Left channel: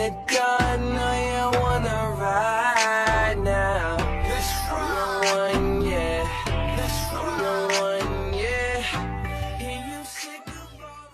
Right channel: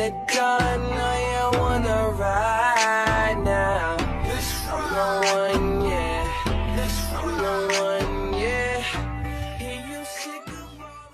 the dawn, know you wanna ride now. I'm the one, yeah. I'm the one, yeah. Hear you sick of all.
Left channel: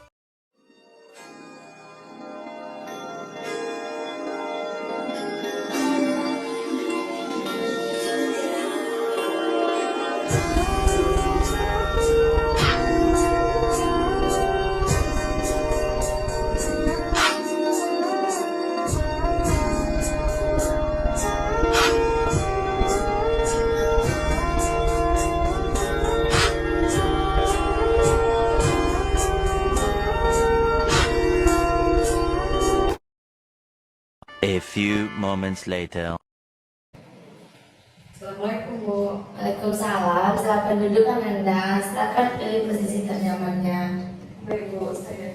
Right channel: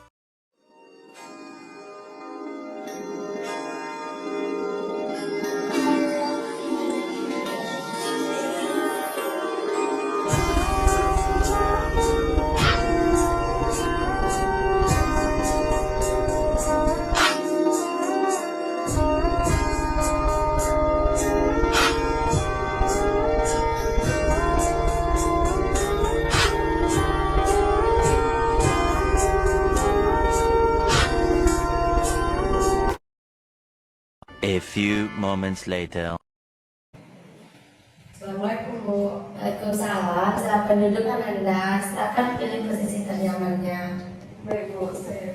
A few moments later. Assalamualaikum Bu. Waalaikumsalam. Silakan duduk Anda. Silakan pilih posisi ternyamannya. Baik Bu, saya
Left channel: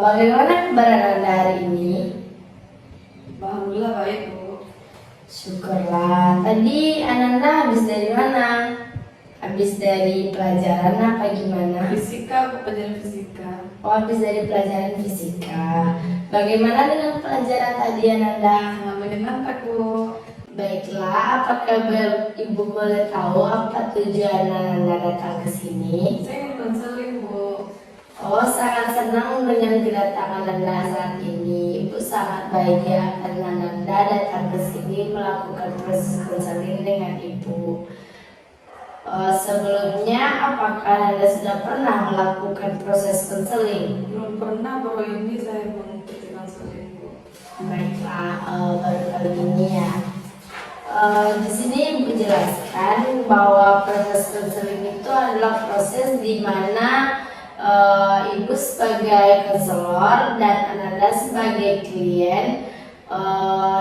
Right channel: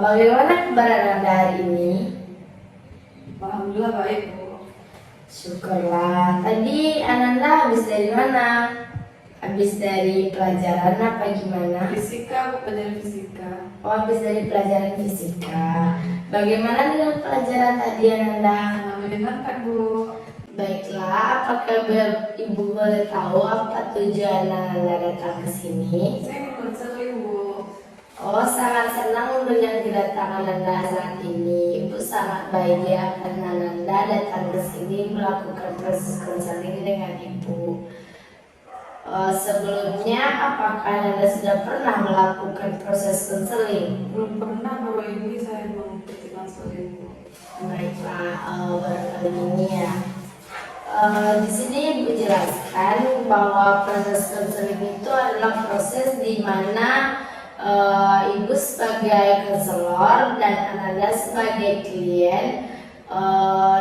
Bagaimana kabar Anda hari ini? alhamdulillah baik Bu. Syukurlah. Tadi Ananda habis dari mana? Habis dari pelajaran apa gimana? Fisika, Bu, pelajaran fisika. Oh, habis dari pelajaran fisika. Bagaimana dengan pelajaran tadi Ananda? Menyenangkan Bu. Baiklah, apakah Ibu boleh tahu apa tujuan Ananda datang ke sini? Saya ingin konseling Bu. Oh, sangat senang dengan kedatangan Anda saat ini. Ibu sangat bahagia karena Anda datang ke sini melakukan proses konseling dengan Ibu. Sebelumnya, apakah Anda sudah pernah melakukan proses konseling? Belum pernah, baru ini saya mengikuti konseling Bu. Baiklah, baru kali ini ya. Di sini Ibu jelaskan bahwa proses konseling itu adalah proses di mana Ibu sebagai konselor dan Ananda sebagai klien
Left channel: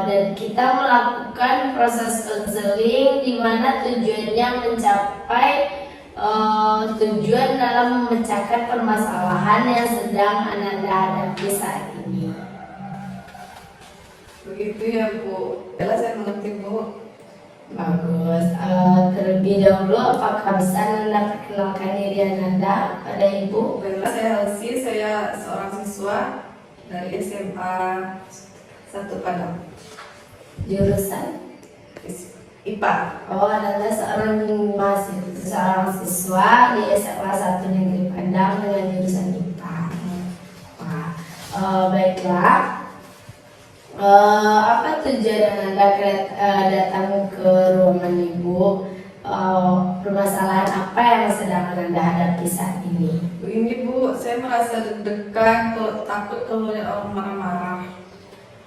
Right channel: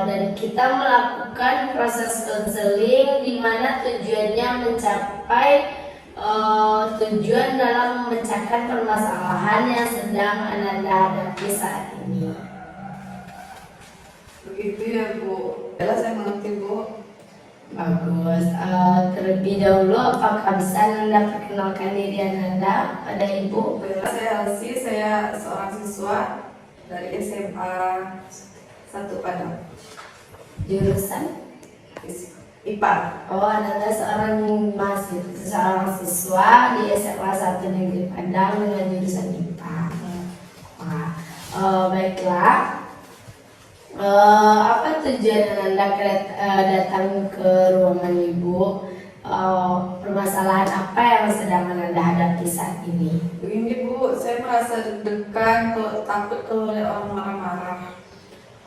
dan kita melakukan proses konseling di mana tujuannya mencapai tujuan dalam memecahkan permasalahan yang sedang Ananda hadapi saat ini. Begitu ya Bu. Jelas saya mengerti Bu. Bagus. Terlebih dahulu, apakah bisa Anda perkenalkan diri Anda pada Ibu? Baiklah, saya Halsi, saya seorang siswa dari SMA 1 Padang. Jurusan? IPA. Oh, Anda seorang siswa di SMA 1 Negeri Padang dengan jurusan IPA. Baiklah. Apa tujuan Anda datang ke ruangan Ibu? Permasalahan apa yang sedang Anda hadapi saat ini? Begini Bu, saya merasa deg-degan, takut kalau ada orang marah-marah.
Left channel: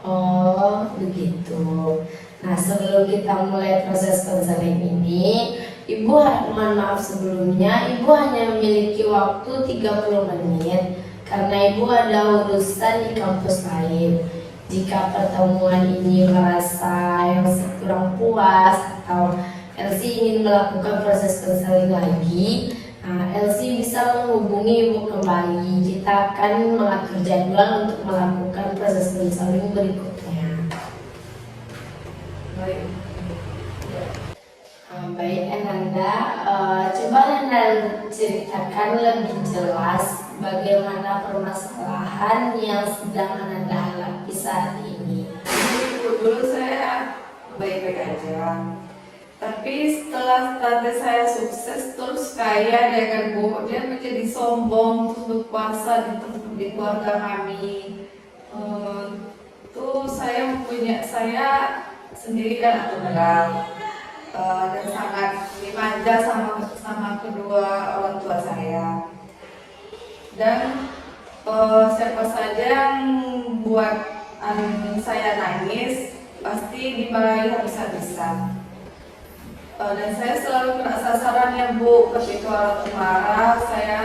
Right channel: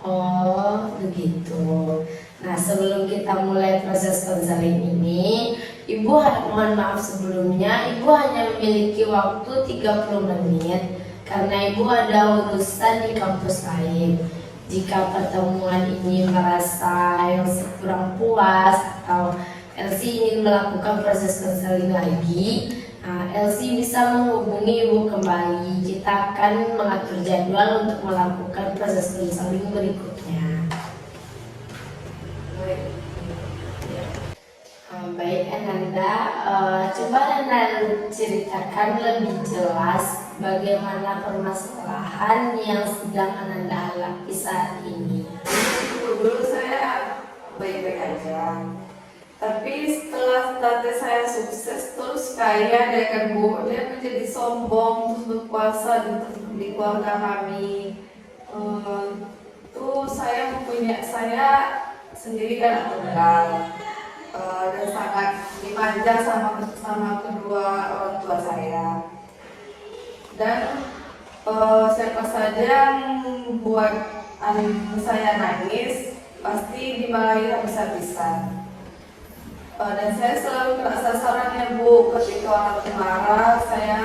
Oh, begitu. Nah, sebelum kita mulai proses konseling ini, mohon maaf sebelumnya, Ibu hanya memiliki waktu 30 menit karena Ibu ada urusan di kampus lain. Jika pertemuan ini merasa yang kurang puas atau Elsie ingin melakukan proses konseling lagi, Elsie bisa menghubungi Ibu kembali. Kita akan mengatur jadwal untuk melakukan proses konseling berikutnya. Baik Ananda, coba Anda ceritakan lebih jelas bagaimana permasalahan yang sedang Anda hadapi saat ini. Dulu saya baik-baik aja, tapi setelah tante saya sukses terus kaya dengan Bu, dia menjadi sombong terus berkuasa di keluarga kami. Saya sendiri kan tunggal dan sangat dimanja sama kedua orang tua saya. Dan siapa saja yang membuat saya nangis pasti dimarahi habis-habisan. Dan saya selalu kena sasarannya Bu. Ketika orang marah, saya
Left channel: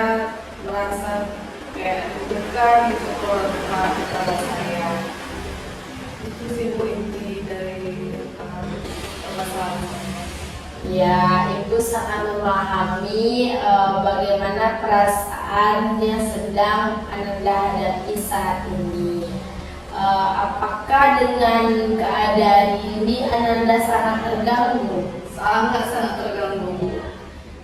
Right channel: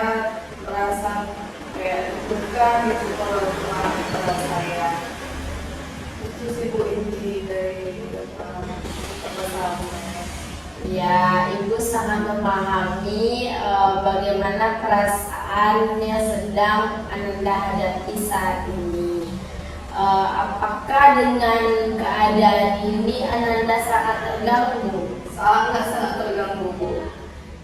merasa kayak deg-degan gitu kalau orang marah kepada saya. Itu sih Bu inti dari permasalahan. Ya, Ibu sangat memahami bagaimana perasaan yang sedang Anda hadapi saat ini. Apakah dengan keadaan ini Anda sangat terganggu? Sangat terganggu Bu.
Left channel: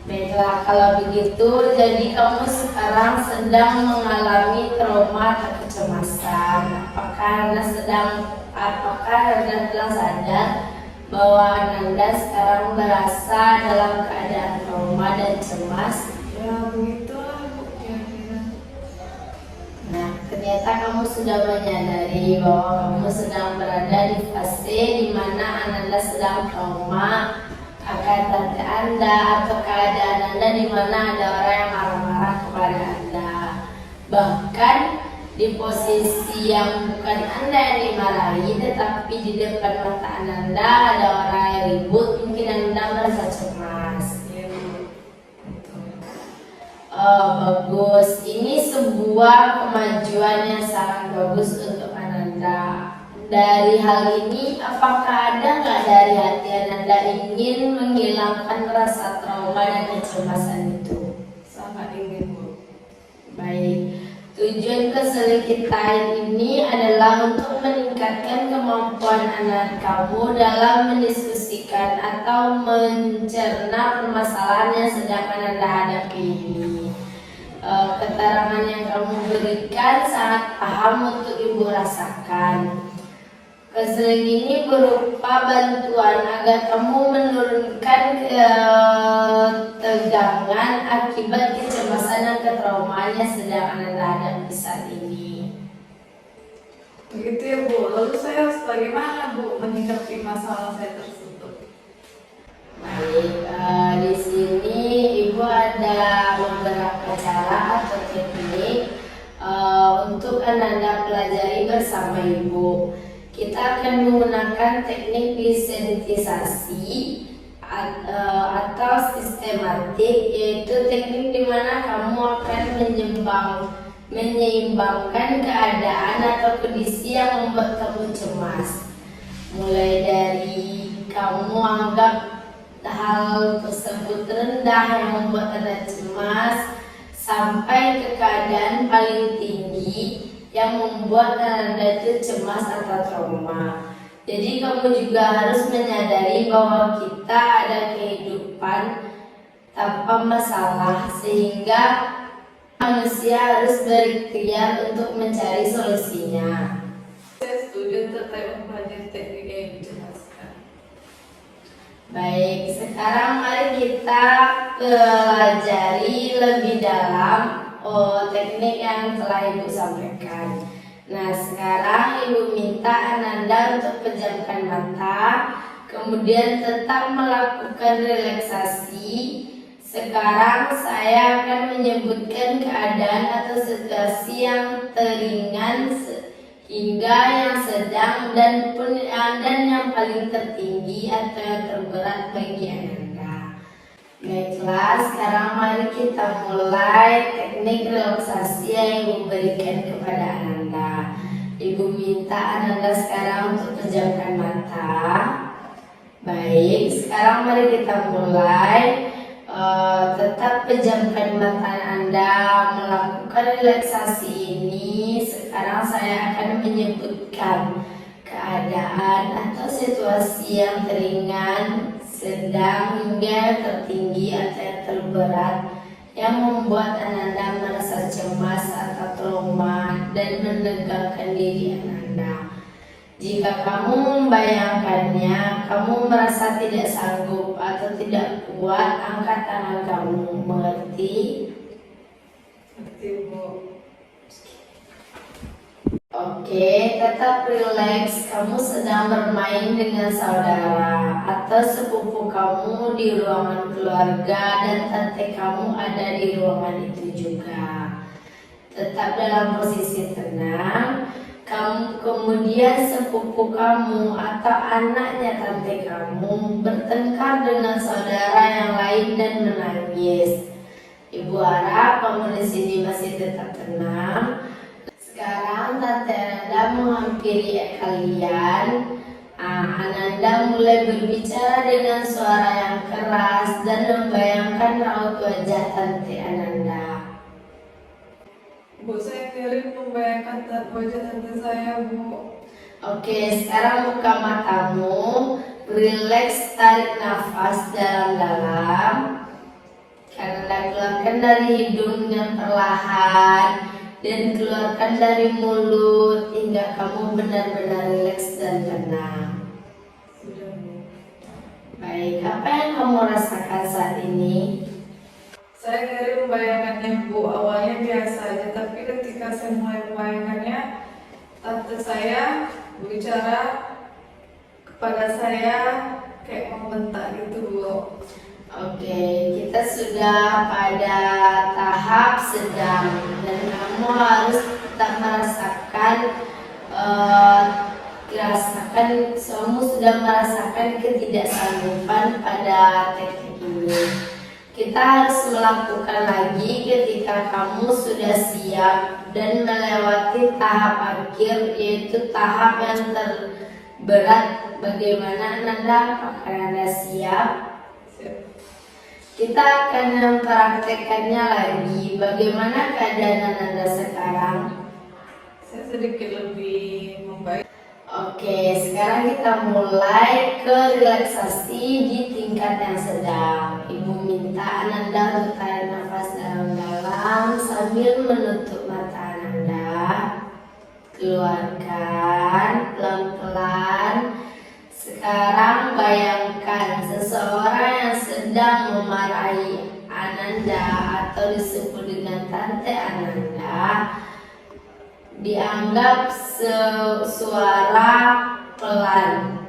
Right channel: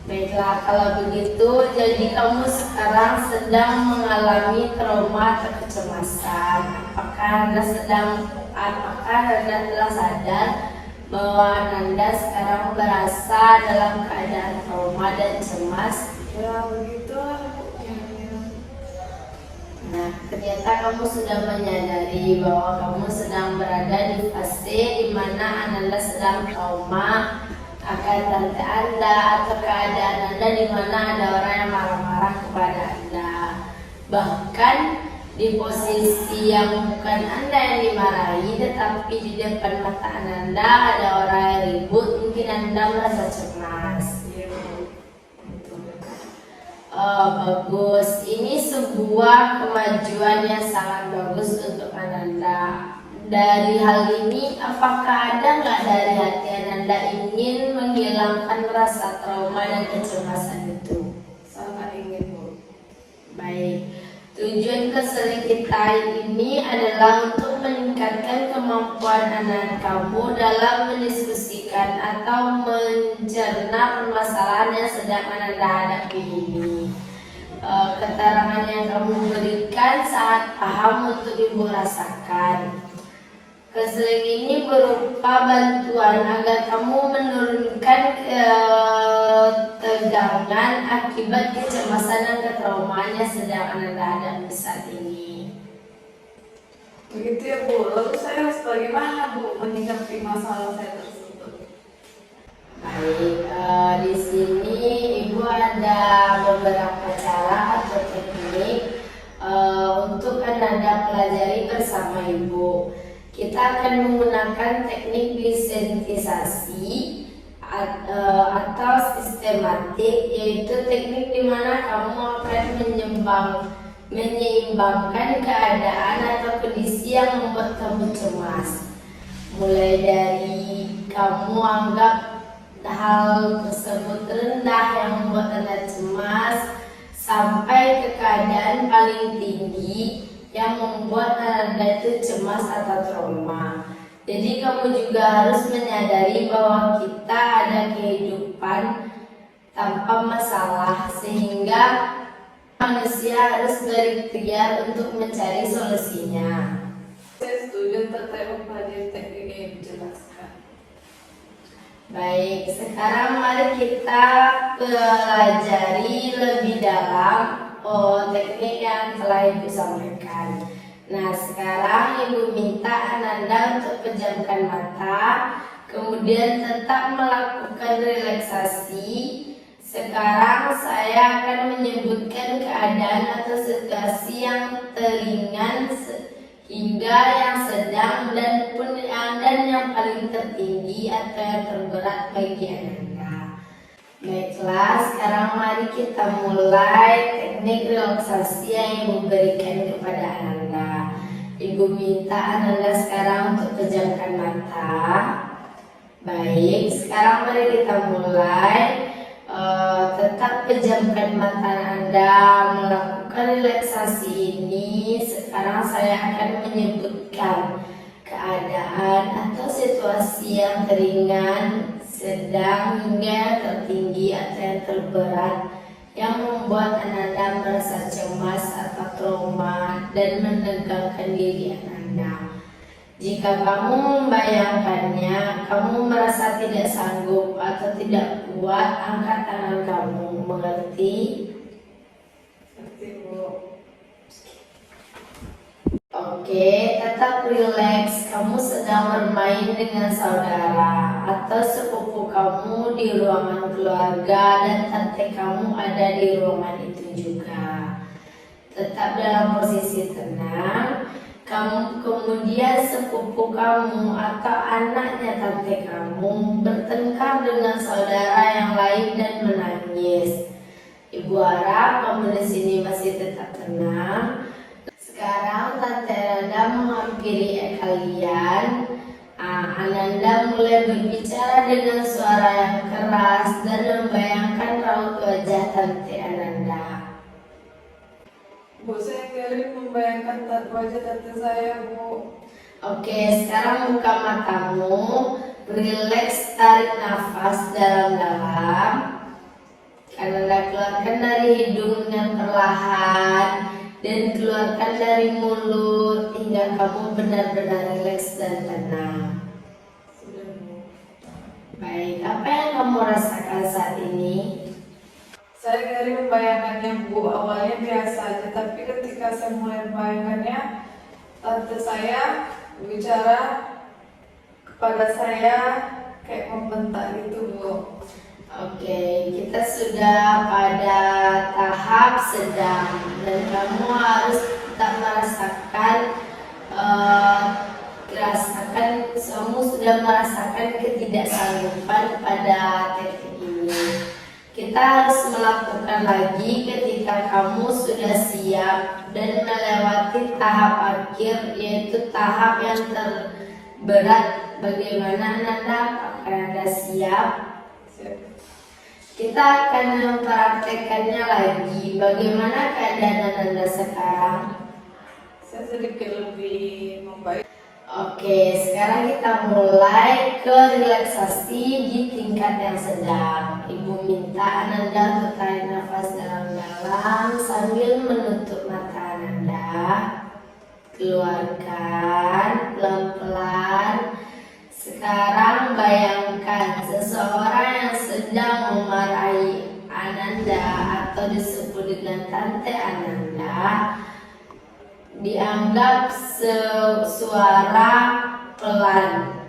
Baiklah, kalau begitu, jadi kamu sekarang sedang mengalami trauma atau kecemasan. Apakah Anda telah sadar bahwa Anda sekarang berasa dalam keadaan trauma dan cemas? Ya begitulah Bu, kira-kira. Nah, ternyata kamu sudah menyadari bahwa kamu sedang berada di fase di mana Anda sedang trauma akan tante Anda atau keadaan Anda di mana ada orang yang marah-marah kepada Anda. Bahkan di posisi yang bukan Anda yang dimarahi, tetapi di depan mata Anda ada orang yang ribut, mungkin Anda merasa cemas. Iya Bu. Betul. Bagus, ini sebuah kemajuan yang sangat bagus untuk Ananda. Dari hal ini, apakah ada nggak dari hati Ananda ingin menghilangkan rasa trauma dan kecemasan itu? Sangat ingin Bu. Baik, tujuan keseling kita ini adalah untuk meningkatkan kemampuan anak kamu dalam mendiskusikan atau mencerna permasalahan yang sedang Anda hadapi ini. Keterangan yang kamu berikan sangat paham untuk Ibu rasakan. Keseling ini berupa bantuan agar kamu menurunkan ketegangan akibat kecemasan dan ketraumaan yang sedang Anda hadapi saat ini. Begitu ya Bu, lalu saya harus bagaimana Bu menyikapi masalah saya tersebut? Baik, di sini Ibu ada beberapa cara atau teknik untuk Anda pelajari bersama Ibu. Kita akan menggunakan teknik desensitisasi atau sistematik, yaitu teknik di mana kamu akan menyeimbangkan keadaan atau kondisi yang membuat kamu cemas. Mulai dari kamu anggap hal tersebut rendah yang membuat Anda cemas, sampai ke keadaan paling tinggi yang membuat Anda itu cemas atau trauma. Jadi kamu juga harus menyadari bahwa kita ada kehidupan tanpa masalah, sehingga manusia harus berikhtiar untuk mencari solusinya. Saya setuju terkait banyak teknik yang dijelaskan. Baik, sekarang mari kita pelajari lebih dalam teknik yang telah Ibu sampaikan. Nah, sekarang Ibu minta Ananda untuk pejamkan mata, kemudian tetap melakukan relaksasi. Sekarang saya akan menyebutkan keadaan atau situasi yang teringan hingga yang sedang dan yang paling tertinggi atau yang terberat bagi Anda. Baiklah, sekarang mari kita mulai teknik relaksasi yang Ibu berikan kepada Anda. Ibu minta Anda sekarang untuk pejamkan mata. Baik, sekarang mari kita mulai. Tetap pejamkan mata Anda, melakukan relaksasi ini. Sekarang saya akan menyebutkan keadaan atau situasi yang ringan, sedang hingga tertinggi atau yang terberat yang membuat Anda merasa cemas atau trauma dan menegangkan diri Anda. Jika kamu membayangkannya, kamu merasa tidak sanggup atau tidak kuat, angkat tangan kamu. Mengerti? Seperti Bu. Oke, tetap rileks. Kamu sedang bermain dengan saudara atau sepupu kamu di ruangan keluarga dan tante kamu ada di ruangan itu juga. Tetap dalam posisi tenang. Kamu kemudian sepupu kamu atau anaknya tante kamu bertengkar dengan saudara yang lain dan menangis. Ibu harap kamu di sini masih tetap tenang. Sekarang tante Ananda menghampiri kalian. Ananda mulai berbicara dengan suara yang keras dan membayangkan raut wajah tante Ananda. Bu, saya kirim membayangkan wajah tante saya Bu. Oke, sekarang buka matamu, rileks, tarik nafas dalam-dalam. hidung dengan perlahan dan keluarkan dari mulut hingga kamu benar-benar rileks dan tenang. Baik, apa yang kamu rasakan saat ini? Saya dari membayangkannya Bu, awalnya biasa aja, tapi ketika saya mulai membayangkannya, tante saya bicara kepada saya kayak membentak gitu Bu. Oke, kita sudah pada tahap sedang dan kamu harus tetap merasakan kamu sudah merasakan ketidaksanggupan pada titik ini. Kita harus melakukan lagi ketika kamu sudah siap dan melewati tahap akhir, yaitu tahap yang terberat. Bagaimana Ananda? Apakah Anda siap? Kita akan mempraktekannya lagi. Bagaimana keadaan Ananda sekarang? Saya sedikit lebih membaik. Oke, sekarang kita mulai ke relaksasi di tingkat yang sedang. Ibu minta Ananda untuk tarik nafas dalam-dalam sambil menutup mata Ananda. Keluarkan pelan-pelan. Sekarang bayangkan seseorang yang sedang memarahi Ananda atau disebut dengan tante Ananda. Dianggap suara pelan.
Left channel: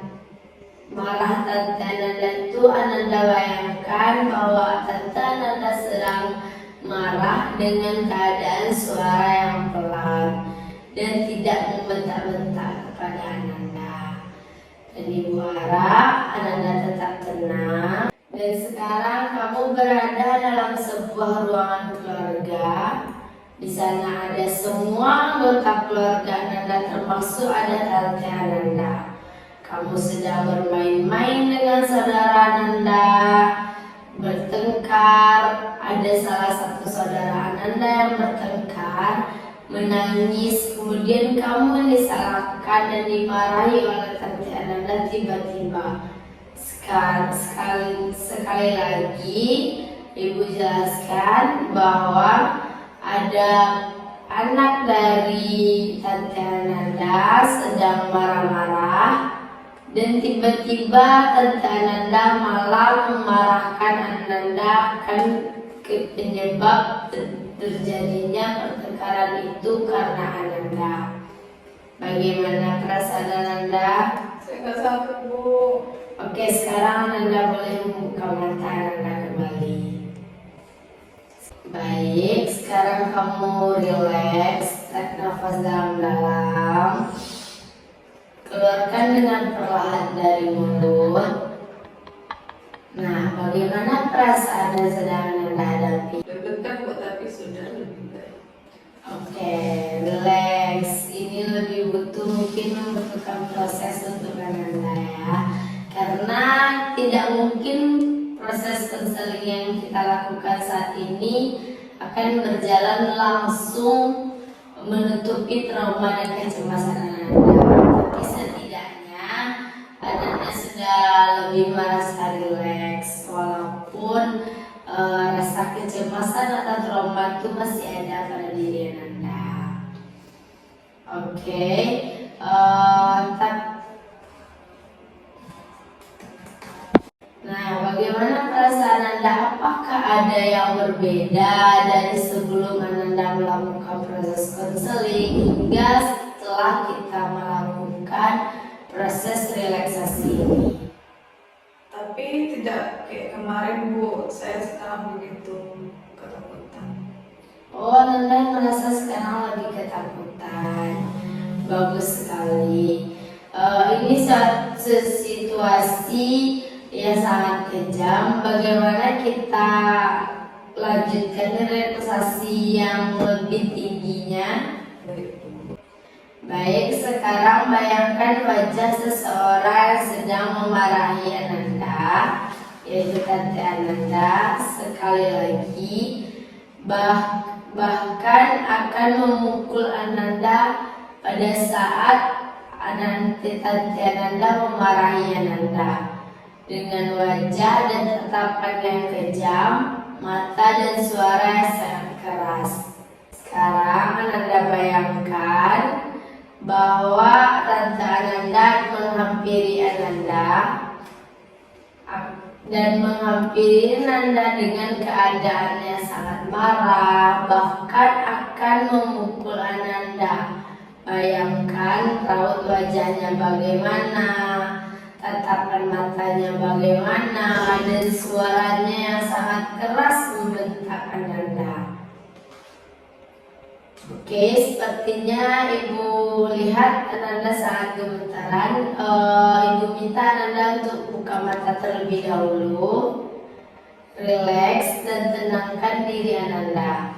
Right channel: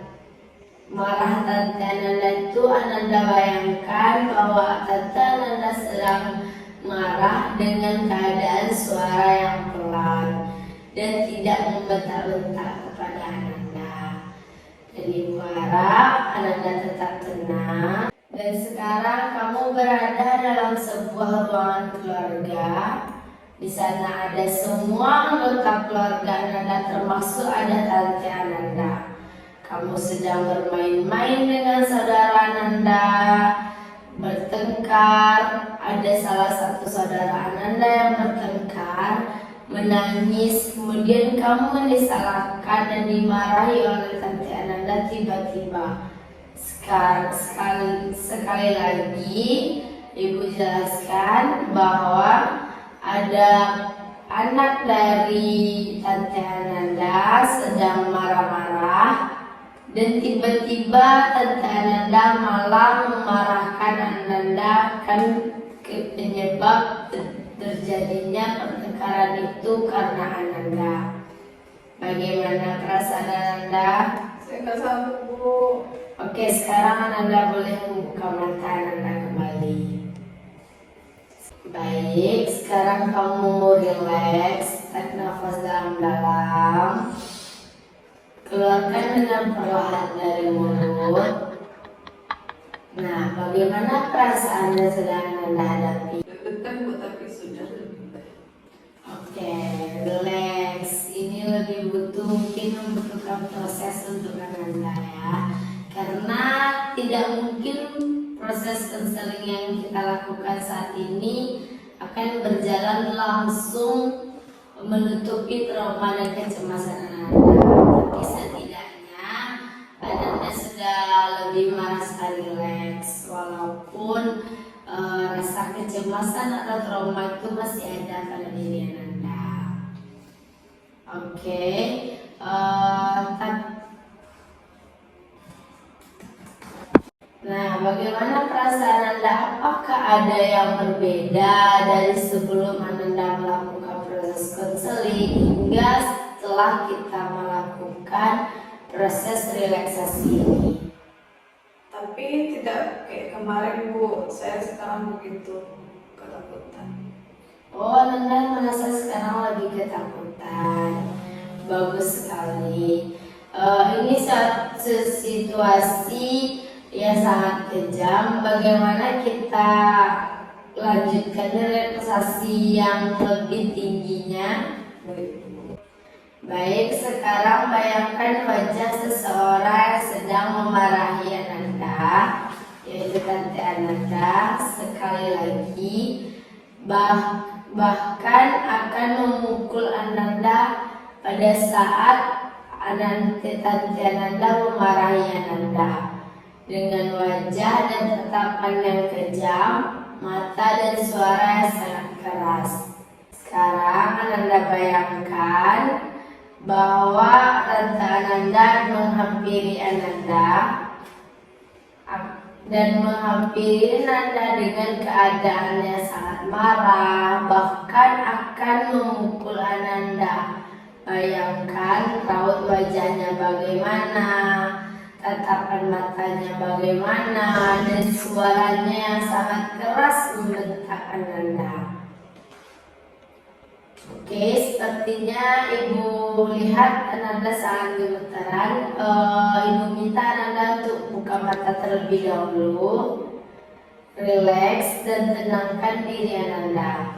Marah tante Ananda itu Ananda bayangkan bahwa tante Ananda sedang marah dengan keadaan suara yang pelan dan tidak membentak-bentak kepada Ananda. Dan Ibu harap Ananda tetap tenang. Dan sekarang kamu berada dalam sebuah ruangan keluarga. Di sana ada semua anggota keluarga Ananda, termasuk ada tante Ananda. Kamu sedang bermain-main dengan saudara Ananda, bertengkar. Ada salah satu saudara Ananda yang bertengkar, menangis, kemudian kamu disalahkan dan dimarahi oleh tante Ananda tiba-tiba. Sekali lagi, Ibu jelaskan bahwa ada anak dari tante Ananda sedang marah-marah dan tiba-tiba tante Ananda malah memarahkan Ananda, kan penyebab terjadinya pertengkaran itu karena Ananda. Bagaimana perasaan Ananda? Saya nggak sabar Bu. Oke, sekarang Ananda boleh membuka mata Ananda kembali. Baik, sekarang kamu rileks, tarik nafas dalam-dalam, keluarkan dengan perlahan dari mulut. Nah, bagaimana perasaan yang sedang Anda hadapi? Deg-degan Bu, tapi sudah lebih baik. Oke, relax. Ini lebih mungkin membutuhkan proses untuk Anda ya, karena tidak mungkin proses konseling yang kita lakukan saat ini akan berjalan langsung menutupi trauma dan kecemasan Anda. Tapi setidaknya Anda sudah lebih merasa rileks, walaupun rasa kecemasan atau trauma itu masih ada pada diri Anda. Oke, nah, bagaimana perasaan Anda? Apakah ada yang berbeda dari sebelum Anda melakukan proses konseling hingga setelah kita melakukan proses relaksasi ini? Tapi tidak kayak kemarin Bu, saya sekarang begitu ketakutan. Oh, Anda merasa sekarang lebih ketakutan. Bagus sekali. Ini suatu situasi yang sangat kejam. Bagaimana kita lanjutkan relaksasi yang lebih tingginya? Baik, sekarang bayangkan wajah seseorang yang sedang memarahi Ananda, yaitu tante Ananda. Sekali lagi, bahkan akan memukul Ananda pada saat tante Ananda memarahi Ananda. Dengan wajah dan tatapan yang kejam, mata dan suara yang sangat keras. Sekarang Ananda bayangkan bahwa Tante Ananda menghampiri Ananda dan menghampiri Ananda dengan keadaan yang sangat marah, bahkan akan memukul Ananda. Bayangkan raut wajahnya bagaimana, tatapan matanya bagaimana, dan suaranya yang sangat keras membentak Ananda. Oke, sepertinya Ibu lihat Ananda sangat gemetaran. Ibu minta Ananda untuk buka mata terlebih dahulu, relax dan tenangkan diri Ananda.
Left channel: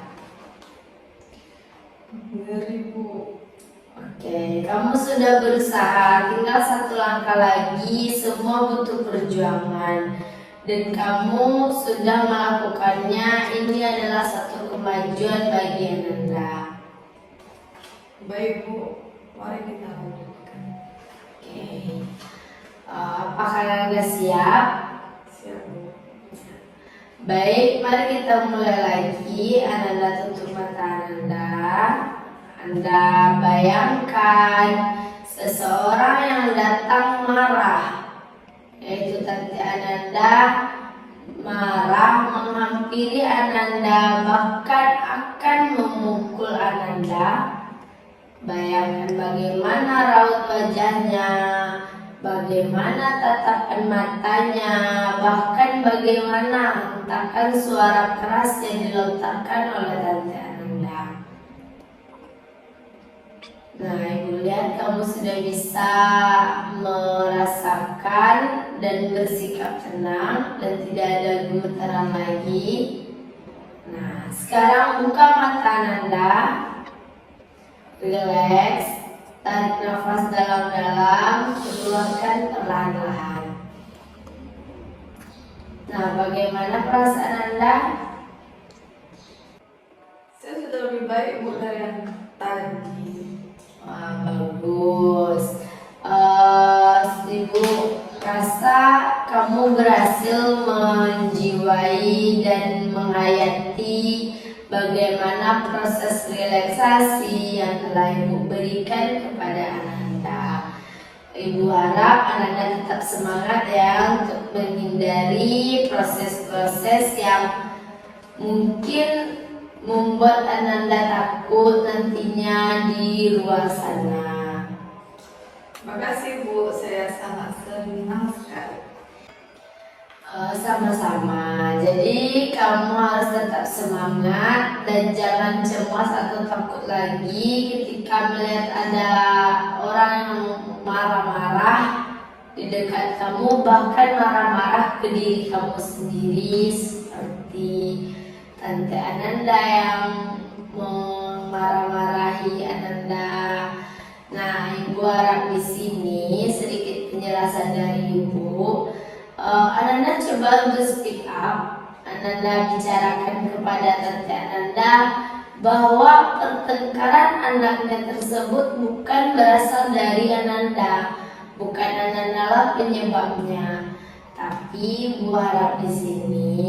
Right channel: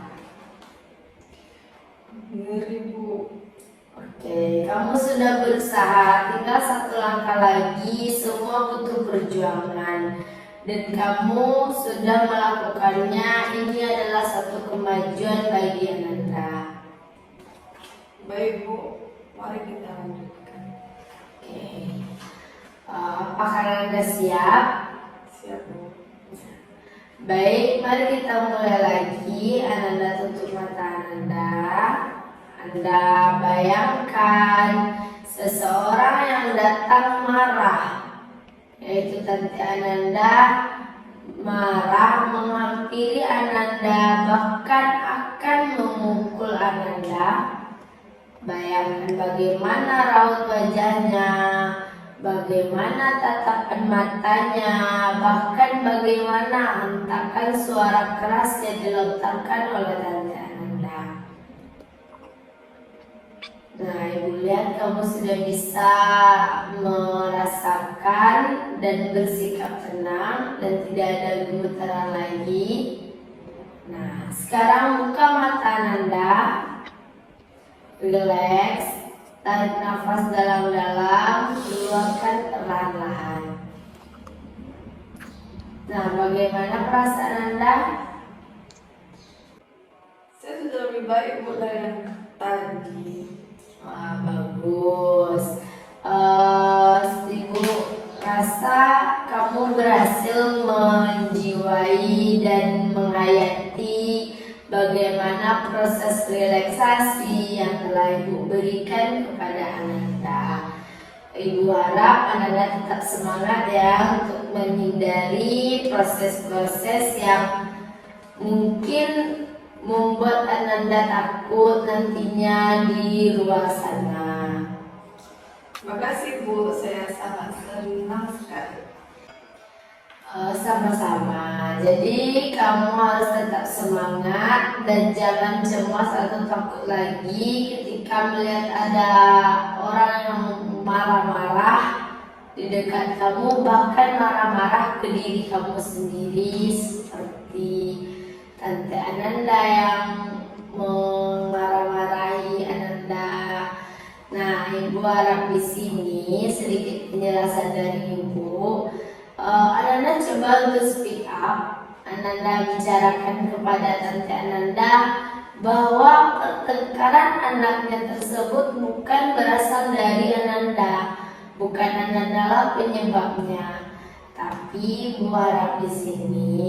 Oke, kamu sudah berusaha, tinggal satu langkah lagi, semua butuh perjuangan. Dan kamu sudah melakukannya, ini adalah satu kemajuan bagi Ananda. Baik Bu, mari kita lanjutkan. Oke, apakah Ananda siap? Siap Bu. Baik, mari kita mulai lagi. Ananda tutup mata Ananda. Anda bayangkan seseorang yang datang marah, yaitu Tante Ananda marah menghampiri Ananda, bahkan akan memukul Ananda. Bayangkan bagaimana raut wajahnya, bagaimana tatapan matanya, bahkan bagaimana hentakan suara keras yang dilontarkan oleh Tante Ananda. Nah, Ibu lihat kamu sudah bisa merasakan dan bersikap tenang dan tidak ada gemetaran lagi. Nah, sekarang buka mata Ananda, relax, tarik nafas dalam-dalam, keluarkan perlahan-lahan. Nah, bagaimana perasaan Anda? Saya sudah lebih baik Bu dari yang tadi. Wah, bagus. Ibu rasa kamu berhasil menjiwai dan menghayati bagaimana proses relaksasi yang telah Ibu berikan kepada Ananda. Ibu harap Ananda tetap semangat ya untuk menghindari proses-proses yang mungkin membuat Ananda takut nantinya di luar sana. Makasih Bu, saya sangat senang sekali. Sama-sama. Jadi kamu harus tetap semangat dan jangan cemas atau takut lagi ketika melihat ada orang yang marah-marah di dekat kamu, bahkan marah-marah ke diri kamu sendiri seperti Tante Ananda yang marah-marahi Ananda. Nah, Ibu harap di sini sedikit penjelasan dari Ibu. Ananda coba untuk speak up. Ananda bicarakan kepada Tante Ananda bahwa pertengkaran anaknya tersebut bukan berasal dari Ananda, bukan Ananda lah penyebabnya. Tapi Ibu harap di sini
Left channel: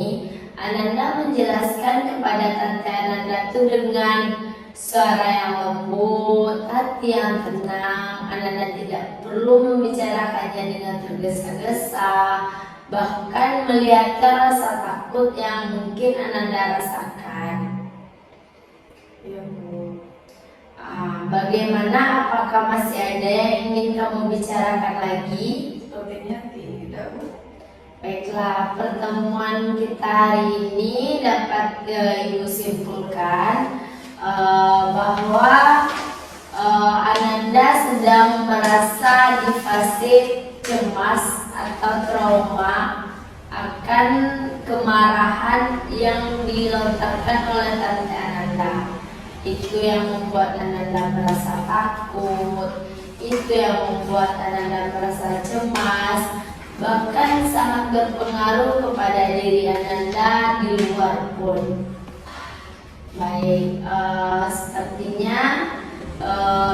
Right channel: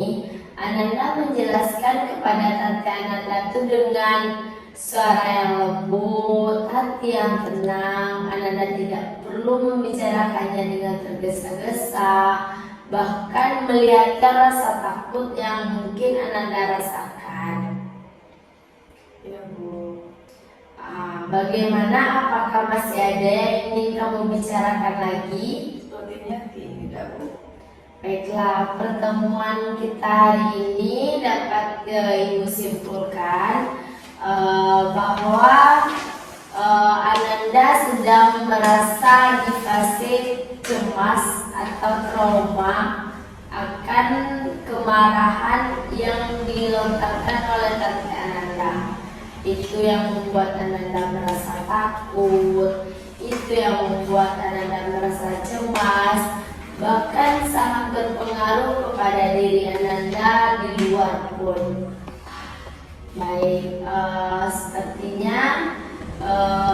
Ananda menjelaskan kepada Tante Ananda itu dengan suara yang lembut, hati yang tenang. Ananda tidak perlu membicarakannya dengan tergesa-gesa, bahkan melihatkan rasa takut yang mungkin Ananda rasakan. Iya Bu. Bagaimana? Apakah masih ada yang ingin kamu bicarakan lagi? Sepertinya tidak Bu. Baiklah, pertemuan kita hari ini dapat Ibu simpulkan bahwa Ananda sedang merasa di fase cemas atau trauma akan kemarahan yang dilontarkan oleh Tante Ananda. Itu yang membuat Ananda merasa takut, itu yang membuat Ananda merasa cemas, bahkan sangat berpengaruh kepada diri Ananda di luar pun. Baik, sepertinya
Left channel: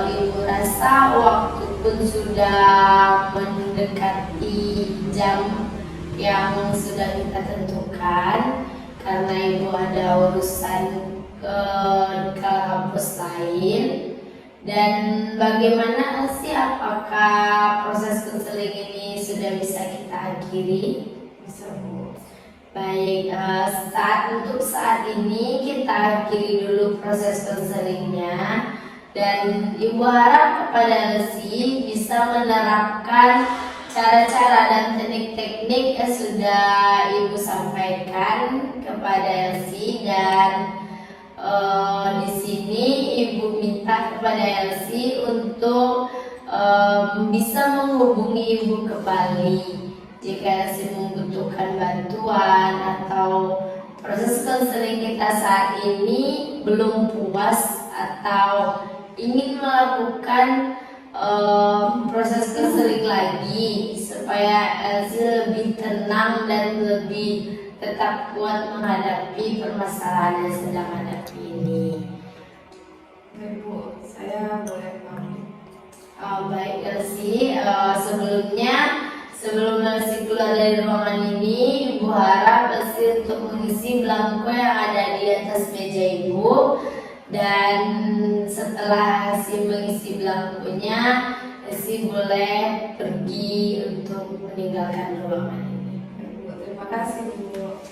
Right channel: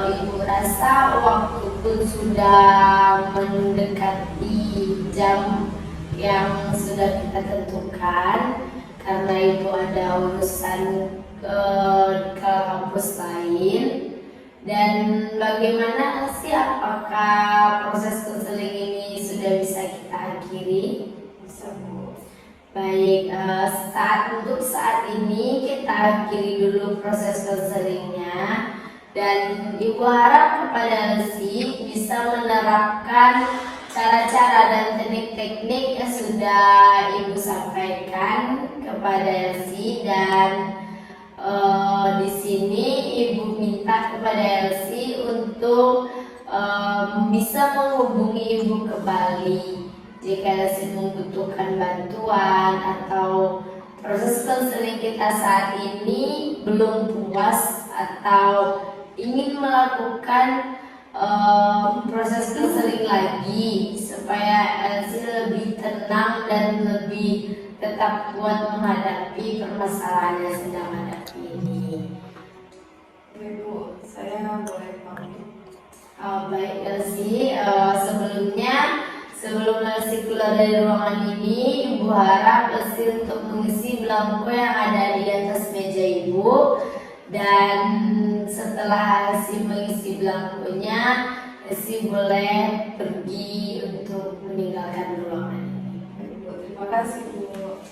Ibu rasa waktu pun sudah mendekati jam yang sudah kita tentukan. karena ibu ada urusan ke kampus lain. Dan bagaimana sih, apakah proses konseling ini sudah bisa kita akhiri? Bisa Bu. Baik, untuk saat ini kita akhiri dulu proses konselingnya, dan ibu harap kepada Elsie bisa menerapkan cara-cara dan teknik-teknik yang sudah ibu sampaikan kepada Elsie. Dan di sini ibu minta kepada Elsie untuk bisa menghubungi ibu kembali jika Elsie membutuhkan bantuan atau proses konseling kita saat ini belum puas atau ingin melakukan proses konseling lagi supaya Elsie lebih tenang dan lebih tetap kuat menghadapi permasalahan yang sedang hadapi ini. Baik Bu, saya boleh pamit. Baik Elsie, sebelum Elsie keluar dari ruangan ini, ibu harap Elsie untuk mengisi belangko yang ada di atas meja ibu. Dan setelah Elsie mengisi belangkonya, Elsie boleh pergi untuk meninggalkan ruangan ini. Terima kasih Bu.